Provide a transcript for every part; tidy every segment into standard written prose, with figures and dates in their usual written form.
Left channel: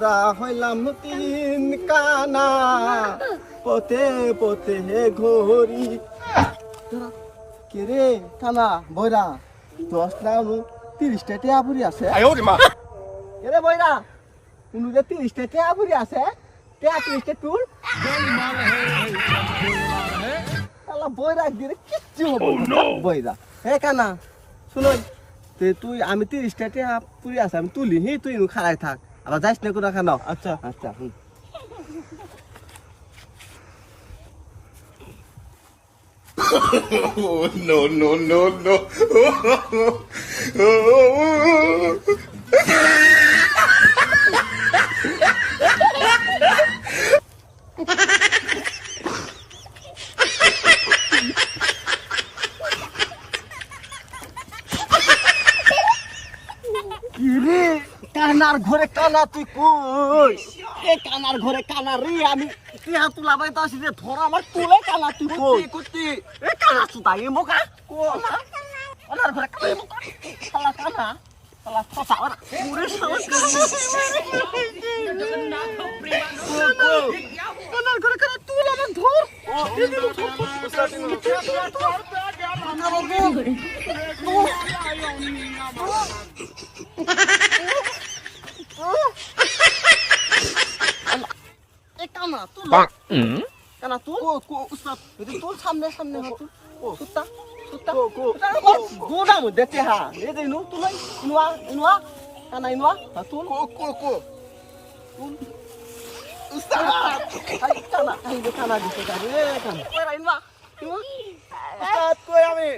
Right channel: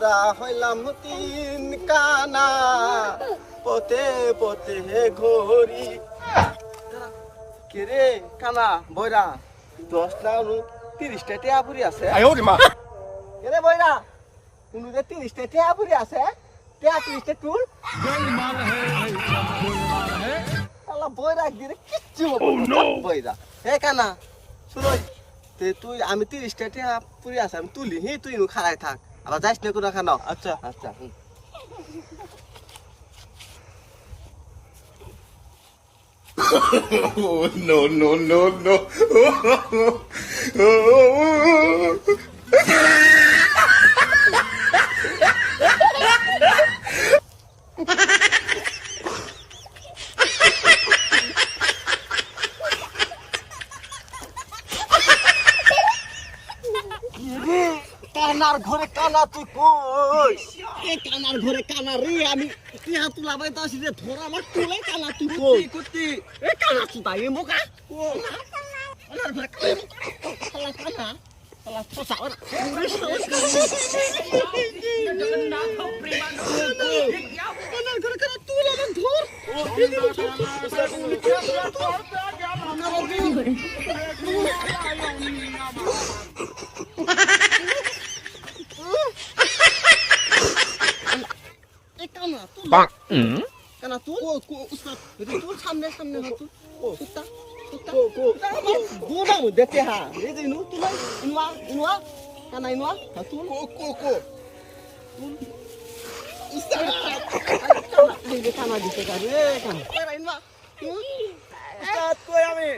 পুরা হইলাম তিন কানা পতে পতে ঘড়ি কে রে কানা বইরা 10 না 30টা টিয়া পুরি আছে কে রে বইরা উনুরে 30টা টিয়া পুরি আছে টিয়া তুই তুল गोलमाल है भाई सब गोलमाल है আলা বইরা দিরে কিচ্ছু Oh no! বইরা হে কানা শুনো তুই আমি 30টা টিয়া পুরি আছে আমি তুলি হি তুই খাড়াই থাক আবার যাইস না কোনা খানো अच्छा আচ্ছা Oh, no, no, no, no. রে কানার ঘরে কানা তুই কই এ কানার ঘরে কানা রে আমি কি হাত লাগাই তাছি রে ধরা আমার তুলে কানা তুই কই কুত্তি এ কানা তুই তাই মোকা কো কানার ঘরে কানা মোকা শালা কানা শালা ফসা ওরা পুরে जगन्नाथ प्रेमानंद কানার ঘরে কানা তুই লাগা ধর কানা তুই কানা তুই উস্তাদ তুই সামনে সামনে তুই কুত্তা কুত্তা গোড়া মধ্যে তেহা এই যে তুই ইনওয়া ইনওয়া কানা ইনওয়া তুই তুই উস্তাদ কানা এই যে কানা দিতে গারে কানা ইনওয়া উস্তাদ কই আমি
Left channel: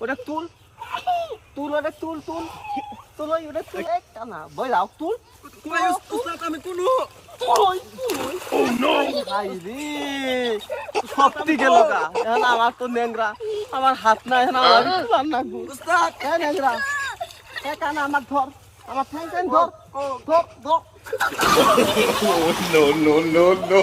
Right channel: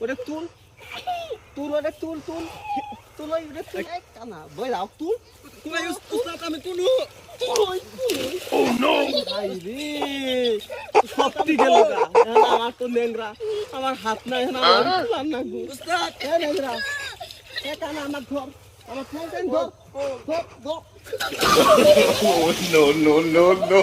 ওটা তুল তুল ওটা তুল তুল তুল ওটা তুল কানা বই দাও তুল তুই উস্তাদ আমি তুলু Oh no! শক্তি গেল গা এখন আমার তো নেংরা আমার হাত নাই এখন আমার রান্না উস্তাদ নেংরা কানা আমার ধর আমার ঠ্যাং ধর ধর ধর Oh, no, no, no, no.